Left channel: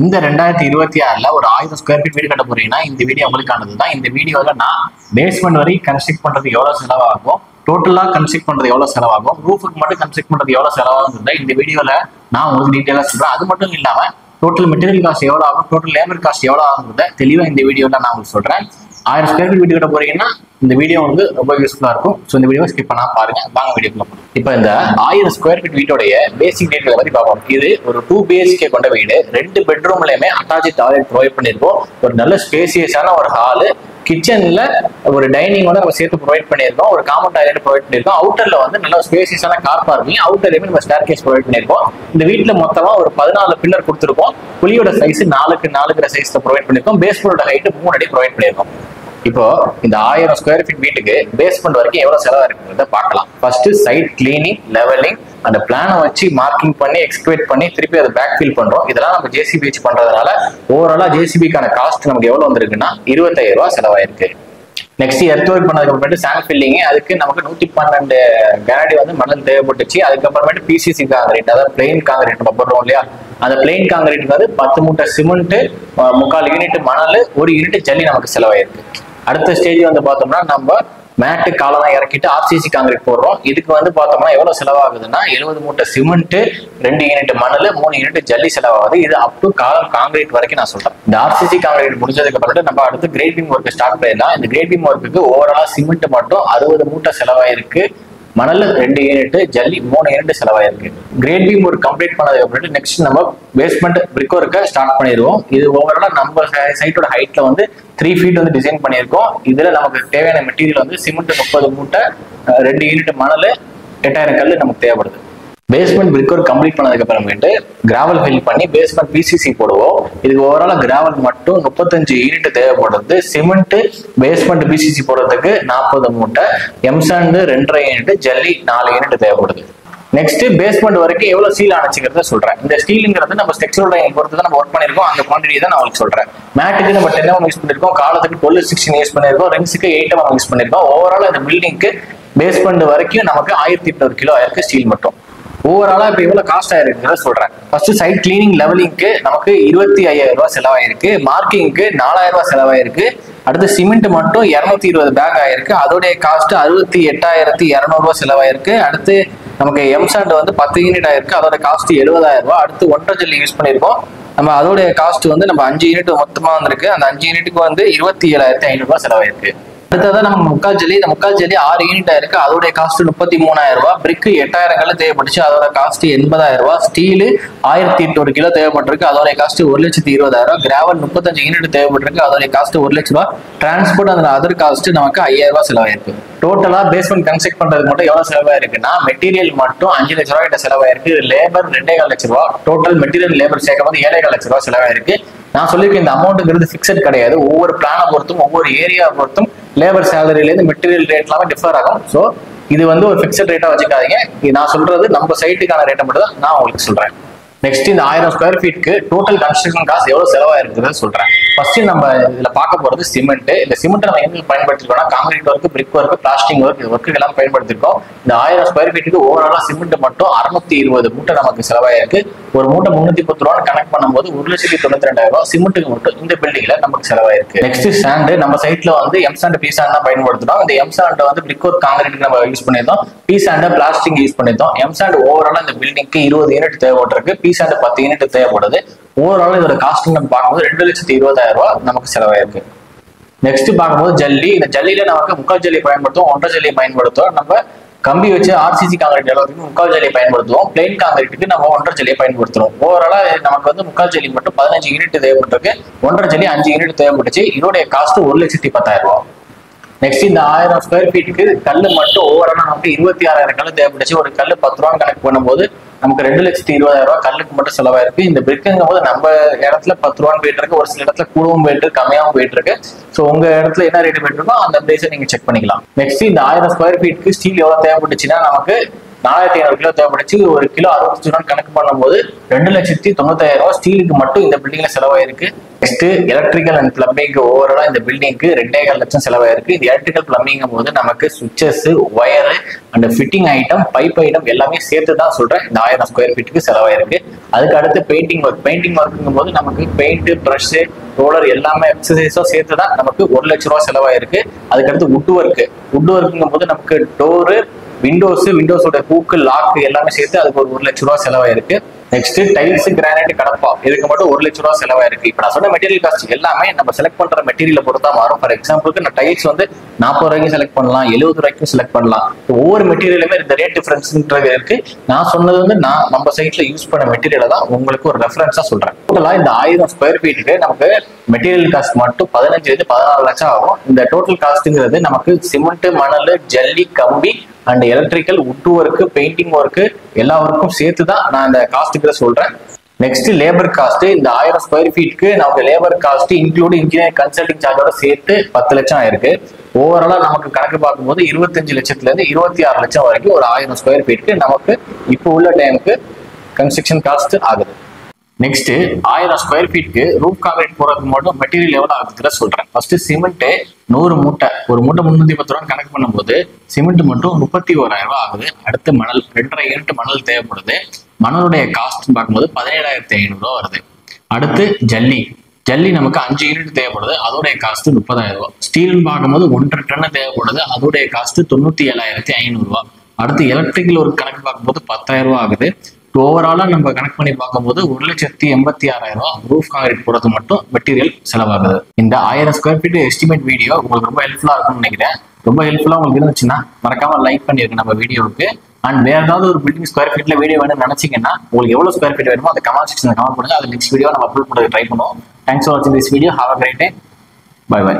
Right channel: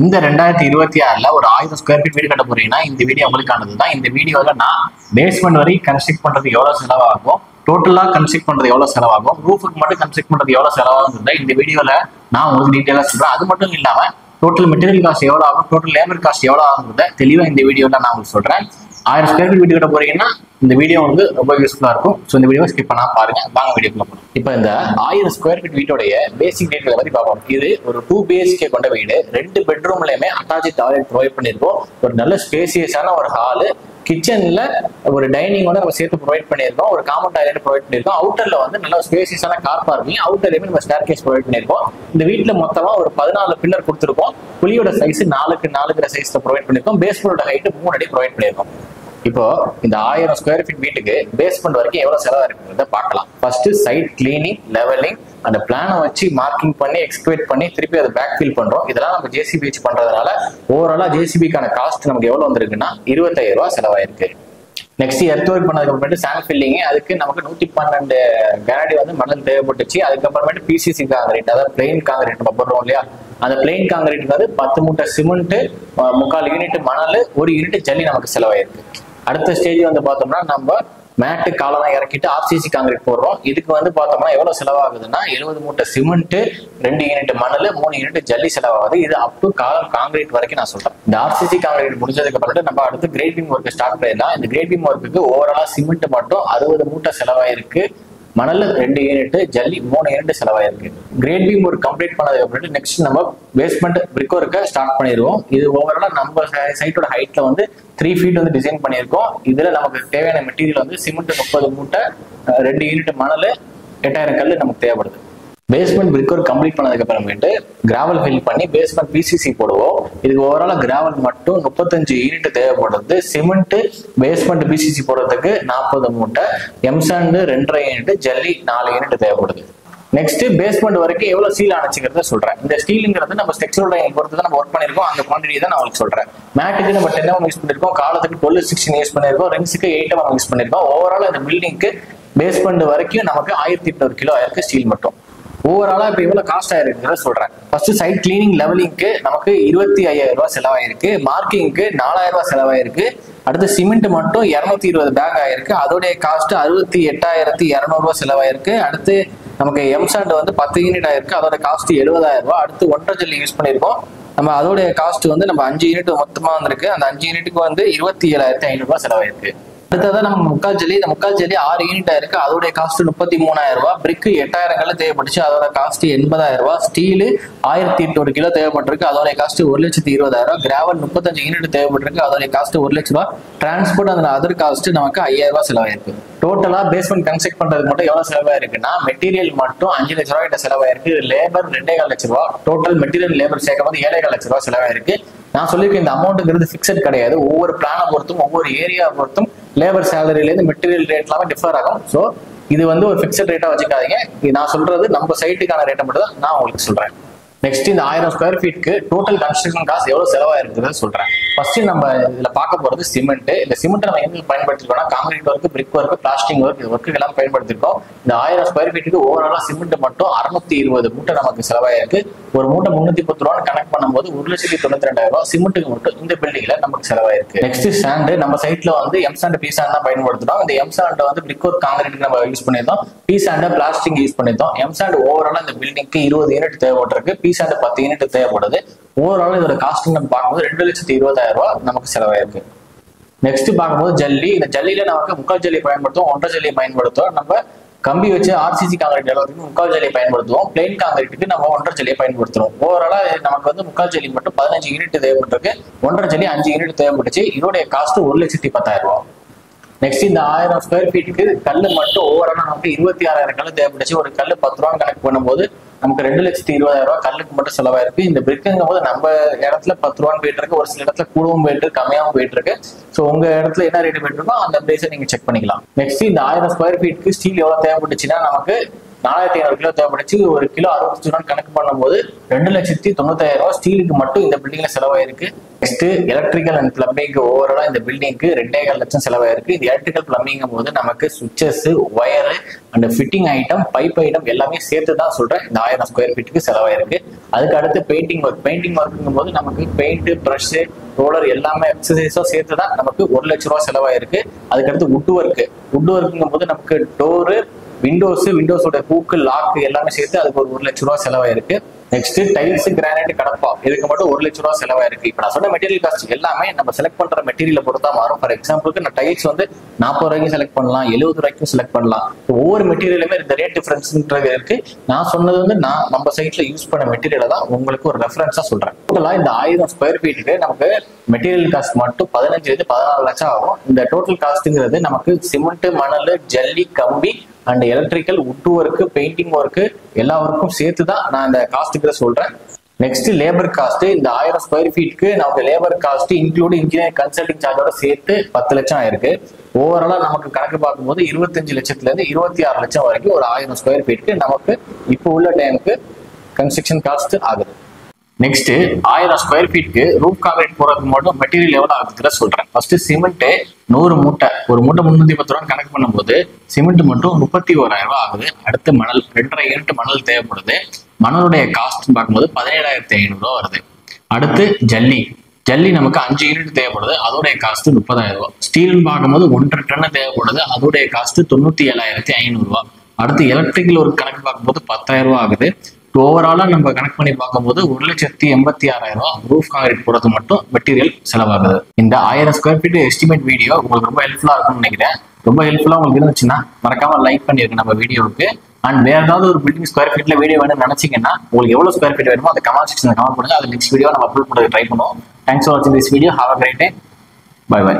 இந்த 2026ல ஒரு 1000 square feet வீடு கட்ட போறீங்கன்னா இந்த வீடியோ உங்களுக்கானது தான். இந்த வீடியோல நான் பேஸ்மெண்ட் வரைக்கும் கன்ஸ்ட்ரக்ட் பண்றது எவ்வளவு செலவாகும், டோட்டலா கன்ஸ்ட்ரக்ட் பண்றது எவ்வளவு செலவாகும், ரூஃபுக்கு மட்டும் கன்ஸ்ட்ரக்ட் பண்றது எவ்வளவு செலவாகும் இந்த வீடியோல நான் உங்களுக்கு டீட்டெயிலா சொல்றேன். அது மட்டும் இல்லாம டோட்டல் மெட்டீரியல் காஸ்ட் எவ்வளவு ஆகும், டோட்டல் லேபர் காஸ்ட் எவ்வளவு ஆகுங்கிறத தெளிவா இந்த வீடியோல நான் உங்களுக்கு சொல்றேன். 1000 ஸ்கொயர் ஃபீட் வீடு கட்ட போறீங்கன்னா இந்த வீடியோ வந்து ரொம்ப யூஸ்ஃபுல்லா இருக்கும். ஸோ இந்த வீடியோ ஸ்கிப் பண்ணா பாருங்க. வாங்க வீடியோக்குள்ள போகலாம். இப்போ இந்த 1000 ஸ்கொயர் ஃபீட் வீட்டோடைய பேசிக் டீட்டெயில் பத்தி பார்ப்போம். இது ஒரு 2 BHK கொண்ட வீடு. 2 பெட்ரூம்லயுமே அட்டாச் டாய்லெட் ப்ரொவைட் பண்ணிருக்கோம். ஒரு நல்ல ஸ்பேசியஸான ஒரு ஹாலு, கிச்சன்ல ஒரு டைனிங் வந்து நம்ம சேர்த்து ப்ரொவைட் பண்ணியிருக்கோம். ஒரு காமன் டாய்லெட் ப்ரொவைட் பண்ணியிருக்கோம். அவுட்டர்ல வந்து நல்ல ஸ்பேசியஸான கார் பார்க்கிங், அவுட்டர்லயுமே நம்ம ஸ்டேர் கேஸ் ப்ரொவைட் பண்ணியிருக்கோம். இந்த வீட்டுல மொத்தமா ஒரு 14 பில்லர் கொடுத்துருக்கோம். குழியோட சைஸ் 4x 4 சைஸ்ல ப்ரொவைட் பண்ணியிருக்கோம். பேஸ்மெண்டோட ஹைட் 3 அடி ப்ரொவைட் பண்ணியிருக்கோம். இப்போ இந்த 1000 ஸ்கொயர் ஃபீட் வீட்டுக்கு பேஸ்மெண்ட் வரைக்கும் எவ்வளவு செலவா இருக்குன்றத பார்க்கலாம். ஃபர்ஸ்ட் சைட் கிளீனிங், லெவலிங், அந்த பிளானை வச்சு மார்க்கிங் பண்ணி எக்ஸ்கவேட் பண்ணி திருப்பி அதை பேக் ஃபில் பண்றோம். இதெல்லாம் நம்ம ஜேசிபி வச்சு பண்றதுனால ஓவராலா ஜேசிபிக்கான காஸ்ட் நமக்கு எவ்வளவு வந்திருக்குன்னா 25000 ரூபாய் செலவாயிருக்கு. நெக்ஸ்ட் எர்த் ஒர்க் பண்ணதுக்கு அப்புறமேட்டு சாண்ட் ஃபில்லிங், அதுக்கு நமக்கு 112 கனடி வந்து மணல் தேவைப்பட்டுச்சு. அதுக்கப்புறமேட்டு பிசிசி காங்கிரீட், அதாவது பிளெயின் காங்கிரீட் நம்ம போடுறோம் இல்லையா, அந்த பிளெயின் காங்கிரீட் வந்து 10 மூட்டை சிமெண்ட், 3/4 யூனிட் மணல், 1 யூனிட் ஜல்லி நமக்கு செலவாயிருக்கு. அடுத்த ஸ்டேஜ் வந்து பார்த்தோம்னா நம்ம மேட்டு காலெல்லாம் இறக்கிட்டு ஆர்சிசி காங்கிரீட் போடுறோம். இதுக்கு வந்து பார்த்தோம்னா எவ்வளவு செலவாகுதுன்னா 70 மூட்டை சிமெண்ட், 2 யூனிட் மணல், 3 யூனிட் ஜல்லி செலவாகுது. இது அப் டு காங்கிரீட் வரைக்கும் நான் சொல்றேன். இந்த ஆர்சிசி காங்கிரீட் முடிஞ்சதுக்கு அப்புறம் நம்ம அடுத்து கிரேட் பீம் ஒர்க் ஸ்டார்ட் பண்ணிடலாம். இந்த கிரேட் பீம் ஒர்க்குக்கு ஓவராலா சிமெண்ட் மட்டும் 60 மூட்டை செலவாயிருக்கு, மணல் 2 யூனிட், ஜல்லி 3 யூனிட் செலவாயிருக்கு. கிரேட் பீம் ஒர்க் கம்ப்ளீட் பண்ணதுக்கு அப்புறம் நெக்ஸ்ட் நம்ம பேஸ்மெண்ட் பிரிக் ஒர்க்கை ஸ்டார்ட் பண்ணிடுவோம். இது ஓவராலா நம்ம சைட்டோட ஹைட்ல வந்து 3 ஃபீட் வந்து டிசைன் பண்ணியிருக்கோம். இதுல நமக்கு தேவையான மெட்டீரியல் வந்து சிமெண்ட் 30 மூட்டை, 2 யூனிட் மணல், 8000 கல் நமக்கு தேவைப்படுது. பேஸ்மெண்ட் பிரிக் ஒர்க் கம்ப்ளீட் பண்ணதுக்கு அப்புறமேட்டு கிராவல் ஃபில் பண்ணி பேஸ்மெண்ட் பிசிசி போடுவோம். இதுக்கு ஓவராலா கிராவல் மட்டும் 35 யூனிட் தேவைப்படுது. சிமெண்ட் பேஸ்மெண்ட் பிசிசி போடுறதுக்கு 40 மூட்டை, எம்சாண்ட் 2.5 யூனிட், ஜல்லி 4 யூனிட் தேவைப்படுது. நெக்ஸ்ட் பேஸ்மெண்ட் வரைக்கும் எவ்வளவு ஸ்டீல் அணைச்சிக்கிறத சொல்றேன். இந்த ஸ்டீலுங்கிறது நம்ம ஸ்ட்ரக்சரல் டைம் பொறுத்து தான் நம்ம ஒர்க் பண்ணிருக்கோம். அந்த குவான்டிட்டி தான் நான் உங்களுக்கு சொல்றேன். மேட்டுக்கு நம்ம 10 mm யூஸ் பண்ணிருக்கோம், காலத்துக்கு 12-16 யூஸ் பண்ணிருக்கோம், ரிங்ஸுக்கு 8 mm யூஸ் பண்ணிருக்கோம். ஓவரால் இந்த பில்டிங்க்கு பேஸ்மெண்ட் வரைக்கும் நமக்கு 1800 கிலோ ஆயிருக்கு ஸ்டீல் மட்டும். ஓவராலா இப்ப எவ்வளவு காஸ்ட் ஆயிருக்குன்னு சொல்றேன். ஃபர்ஸ்ட் சைட் கிளீனிங் லெவலிங்க்கு நமக்கு 25000 ரூபாய் செலவாயிருக்கு. மார்க்கிங்க்கு 4000 ரூபாய் செலவாயிருக்கு. அடுத்து சிமெண்ட் மட்டும் 220 பேக் ஆயிருக்கு. அதோடைய காஸ்ட் 68200 ரூபாய் செலவாயிருக்கு. அடுத்து நமக்கு எம்சாண்ட் வந்து 10 யூனிட் ஆயிருக்கு. அதோட காஸ்ட் 70000 ரூபாய். அடுத்து 1.5 ஜல்லி யூஸ் பண்ணிருக்கோம். நம்ம அதோடைய காஸ்ட் வந்து நம்ம 5 யூனிட் மொத்தமா வந்திருக்கு. அந்த 5 யூனிட்டுக்கு வந்து 27500 ரூபாய் செலவாயிருக்கு. அடுத்ததான் நம்ம முக்கால் ஜல்லி, இந்த முக்கால் ஜல்லி 6 யூனிட் ஆயிருக்கு. அதோட காஸ்ட் 33000 ரூபாய். பிரிக்கு 8000 கல் தேவைப்பட்டுச்சு, அதோட காஸ்ட் 80000 ரூபாய். ஸ்டீல் 1800 கிலோ தேவைப்பட்டிருக்கு, அதோட காஸ்ட் 1,20,000. கிராவல் 35 யூனிட் தேவைப்பட்டிருக்கு, அதோட காஸ்ட் 1 லட்ச ரூபாய். டிரான்ஸ்போர்ட் அந்த அதர் காஸ்ட் நமக்கு 5000 ரூபாய் செலவாயிருக்கு. டோட்டலா பேஸ்மெண்ட் கன்ஸ்ட்ரக்ட் பண்றது மட்டும் எவ்வளவு செலவாயிருக்குன்னா மெட்டீரியல் மட்டும் 5 லட்ச ரூபாய் கிட்ட செலவாயிருக்கு. லேபர் 2.25 லட்ச ரூபாய். டோட்டல் மெட்டீரியல் லேபர் சேர்க்கும் போது 7.25 லட்ச ரூபாய் செலவாயிருக்கு. நான் சொல்லியிருக்கேன் இந்த அமௌண்ட்ங்கிறது பிக்சட் கிடையாது. ஒவ்வொரு பிளானை பொறுத்தும் ஒவ்வொரு ஏரியா பொறுத்தும் லேபர் சேலரியிலேருந்து மெட்டீரியல் ரேட் எல்லாமே டிஃபர் ஆகும். ஸோ இது வந்து ஒரு பிக்சட் ரேட்டா வச்சுக்காதீங்க. இது நான் சொல்றது நம்ம சைட்டுக்கான ரேட்டை மட்டும் தான் நான் உங்களுக்கு சொல்றேன். நெக்ஸ்ட் இந்த 1000 ஸ்கொயர் ஃபீட்க்கு டோட்டல் கன்ஸ்ட்ரக்ஷன் காஸ்ட் எவ்வளவு செலவாயிருக்குன்னு சொல்றேன். ஃபர்ஸ்ட் நம்ம இதுல பார்க்க போறது சிமெண்ட். இந்த சிமெண்ட் நம்ம எங்க பயன்படுத்திருக்கோம்னா concrete work, brick work, plastering work, இது ஒர்க்கு எல்லாம் பயன்படுத்திருக்கோம். இந்த 1000 ஸ்கொயர் ஃபீட்டுக்கு ஓவராலா சிமெண்ட் மட்டும் 620 மூட்டை நமக்கு செலவாயிருக்கு. ஒரு மூட்டை 310 ரூபாய் கனெக்ட் பண்ணும்போது 1,92,000 ரூபாய் சிமெண்ட்டுக்கு மட்டும் இந்த பில்டிங்ல நமக்கு செலவாயிருக்கு. நெக்ஸ்ட் சாண்ட், நம்ம சைட்ல வந்து எம்சாண்ட், பி சாண்ட் தான் பயன்படுத்தினோம். இந்த எம்சாண்ட் வந்து பிரிக் ஒர்க் காங்கிரீட் நம்ம யூஸ் பண்ணியிருந்தோம். பி சாண்ட் பிளாஸ்டிக் யூஸ் பண்ணியிருந்தோம். எம்சாண்ட் ஓவராலா இந்த பில்டிங்க்கு 20 யூனிட் தேவைப்பட்டிருக்கு. பி சாண்ட் 10 யூனிட் தேவைப்படுது. ஓவரால் இதோட காஸ்ட் நம்ம பார்க்கும்போது 2,20,000 ரூபாய் நமக்கு செலவாயிருக்கு. நெக்ஸ்ட் பார்க்கும்போது ஜல்லி. இந்த ஜல்லியில நமக்கு முக்கால் ஜல்லி பயன்படுத்துவோம், 1.5 ஜல்லி பயன்படுத்துவோம். நம்ம கம்பி வச்சு ஆர்சிசி காங்கிரீட் எல்லாத்துக்கும் முக்கால் ஜல்லி பயன்படுத்துவோம். பிளெயின் காங்கிரீட்டுக்கு நம்ம 1.5 ஜல்லி பயன்படுத்துவோம். ஓவராலா நமக்கு வந்து முக்கால் ஜல்லி மட்டும் 15 யூனிட் தேவைப்பட்டிருக்கு. 1.5 ஜல்லி 5 யூனிட் தேவைப்பட்டுச்சு. இதோடைய காஸ்ட் 1,10,000 ரூபாய். நெக்ஸ்ட் இந்த 1000 ஸ்கொயர் ஃபீட்டுக்கு கல் மட்டும் ஓவராலா நமக்கு 26,000 கல் தேவைப்பட்டுச்சு. ஒரு கல் 10 ரூபா கணக்கு பண்ணும்போது நமக்கு 2,20,000 ரூபாய் கல்லுக்கு மட்டும் செலவாயிருக்கு. இந்த பிரிக்குங்கும் போது நம்ம இடத்துல 10 ரூபான்னு போயிட்டு இருக்கு, ஒரு சில இடத்துல கூடவும் போயிட்டு இருக்கு, கம்மியாகவும் போயிட்டு இருக்கு. ஸோ உங்க இடத்துல என்ன ரேட் போயிட்டு இருக்கோ அந்த பிரைஸை நீங்க செக் பண்ணிக்கலாம். நெக்ஸ்ட் இந்த 1000 ஸ்கொயர் ஃபீட்டுக்கு ஸ்டீல் எவ்வளவு தேவைப்பட்டுச்சுன்னா நமக்கு 4500 கிலோ தேவைப்படுச்சு. ஒரு கிலோ 65 ரூபா கணக்கு பண்ணும்போது 2,95,000 ரூபாய் ஸ்டீலுக்கு மட்டும் இந்த பில்டிங்ல செலவாயிருக்கு. நெக்ஸ்ட் எலக்ட்ரிக்கல் அண்ட் பிளம்பிங் ஓவராலா இந்த பில்டிங்க்கு 2.25 லட்சம் செலவாயிருக்கு. இந்த எலக்ட்ரிக்கல் பிளம்பிங் போது நமக்கு switches, wire and fitting item, pipe item எல்லாமே சேர்த்து தான் சொல்றேன் இந்த 1000 ஸ்கொயர் ஃபீட்டுக்கு செலவாயிருக்கு. அதுக்கு அடுத்து பெயிண்டிங் ஒர்க்குங்கும் போது நமக்கு பெயிண்ட், ப்ரஷ், ரோலர் எல்லாமே எக்ஸசைஸும் சேர்த்து தான் நமக்கு 1 லட்சம் ரூபாய் செலவாயிருக்கு. அதுக்கடுத்து வுட் ஒர்க்குங்கும் போது நமக்கு டோரு, விண்டோஸோட ஹூக்கு, லாக்கு எல்லாமே சேர்த்து அதுக்கு ஒரு 1 லட்சம் ரூபாய் செலவாயிருக்கு. நெக்ஸ்ட் டைல்ஸ், கிரானைட், கடப்பா இதுக்கு மட்டும் 1 லட்சம் ரூபாய் செலவாயிருக்கு. இப்ப நான் சொன்ன மெட்டீரியல் காஸ்ட் எல்லாமே நம்ம செலக்ட் பண்ற மெட்டீரியல் பொறுத்தா மாறும். ஃபார் எக்ஸாம்பிளுக்கு நான் டைல்ஸ் 40 ரூபாய்க்கு செலக்ட் பண்ணலாம், 70 ரூபாய்க்கும் செலக்ட் பண்ணலாம். ஒவ்வொரு மெட்டீரியலுமே இந்த ரேட் டிஃபரன்ஸ்ன்றது இருக்கு. நான் சொன்னது நம்ம சைட்ல யூஸ் பண்ண மெட்டீரியலை தான் உங்களுக்கு ஒரு ரெஃபரன்ஸா சொல்றேன். டோட்டலா இந்த 1000 ஸ்கொயர் ஃபீட்டுக்கு நமக்கு மெட்டீரியல் காஸ்ட் மட்டும் 15-16 லட்சம் ஆகும். இந்த டோட்டல் காஸ்ட்ங்கிறது நமக்கு சிமெண்ட், மணல், ஜல்லி, கம்பி and electrical, wood work, painting work எல்லா ஒர்க்கும் சேர்த்து தான் நான் இந்த காஸ்ட்டுக்கு சொல்றேன். Next labour cost. இந்த 1000 ஸ்கொயர் ஃபீட்டுக்கு நமக்கு labour cost include engineer consulting சார்ஜோட சேர்த்து 10 லட்சம் ஆயிருக்கு. ஓவராலா நமக்கு கணக்கு பார்க்கும்போது 25 லட்சத்துல இருந்து 26 லட்சம் வரைக்கும் ஒரு 1000 ஸ்கொயர் ஃபீட்டுக்கு நமக்கு இப்போ உள்ள டைமுக்கு கன்ஸ்ட்ரக்ஷன் காஸ்ட் ஆகுது. நெக்ஸ்ட் 1000 ஸ்கொயர் ஃபீட்டுக்கு ரூஃப் கான்கிரீட் போறதுக்கு மட்டும் மெட்டீரியல் எவ்வளவு ஆகுதுங்கிற சொல்றேன். ஃபர்ஸ்ட் சிமெண்ட் 100 மூட்டை, ஒரு மூட்டை 310 ரூபா கணக்கு பண்ணும்போது சிமெண்ட் மட்டும் 31,000 ரூபாய் ஆகுது. அடுத்து மணல் 2.5 யூனிட் மணல் தேவைப்படுது. மணலுடைய காஸ்ட் பார்க்கும்போது 17,500 ரூபாய் வருது. அடுத்து ஜல்லி நமக்கு 5 யூனிட் தேவைப்படுது, அதோடைய காஸ்ட் 30,000 ரூபாய். ஸ்டீல்னு பார்க்கும்போது 1.5 டன் தேவைப்படுது, அதோடைய காஸ்ட் 97,500 ரூபாய். அடுத்து எலக்ட்ரிக்கல் ஒரு கணக்கு பார்க்கும்போது 10,000 ரூபாய் ஆகுது. ஓவராலா நம்ம கனெக்ட் பண்ணி பார்க்கும்போது 1,86,000 ரூபாய் ரூஃப் கான்கிரீட் போறது மட்டும் மெட்டீரியல் செலவாகுது. இந்த 1000 ஸ்கொயர் ஃபீட் எஸ்டிமேட் வீடியோ உங்களுக்கு ரொம்ப ஹெல்ப்ஃபுல்லா இருக்கும்னு நினைக்கிறேன். ரொம்ப ஹெல்ப்ஃபுல்லா உங்களுக்கு இருந்துச்சுன்னா மறக்காம லைக் பண்ணிருங்க நம்ம வீடியோவுக்கு. அண்ட் வேற ஏதாவது ஒரு பில்டிங் ஸ்கொயர் ஃபீட்ல வீடியோ வேணும்னு நினைச்சீங்கன்னா உங்களுக்கு எவ்வளவு ஸ்கொயர் ஃபீட் வேணுமோ அதை கமெண்ட் செக்ஷன்ல கமெண்ட் பண்ணுங்க. அது நெக்ஸ்ட் வீடியோ நம்ம அப்லோட் பண்ண ட்ரை பண்ணுவோம். தேங்க்ஸ் ஃபார் வாட்சிங் this video. Have a great day. Bye by.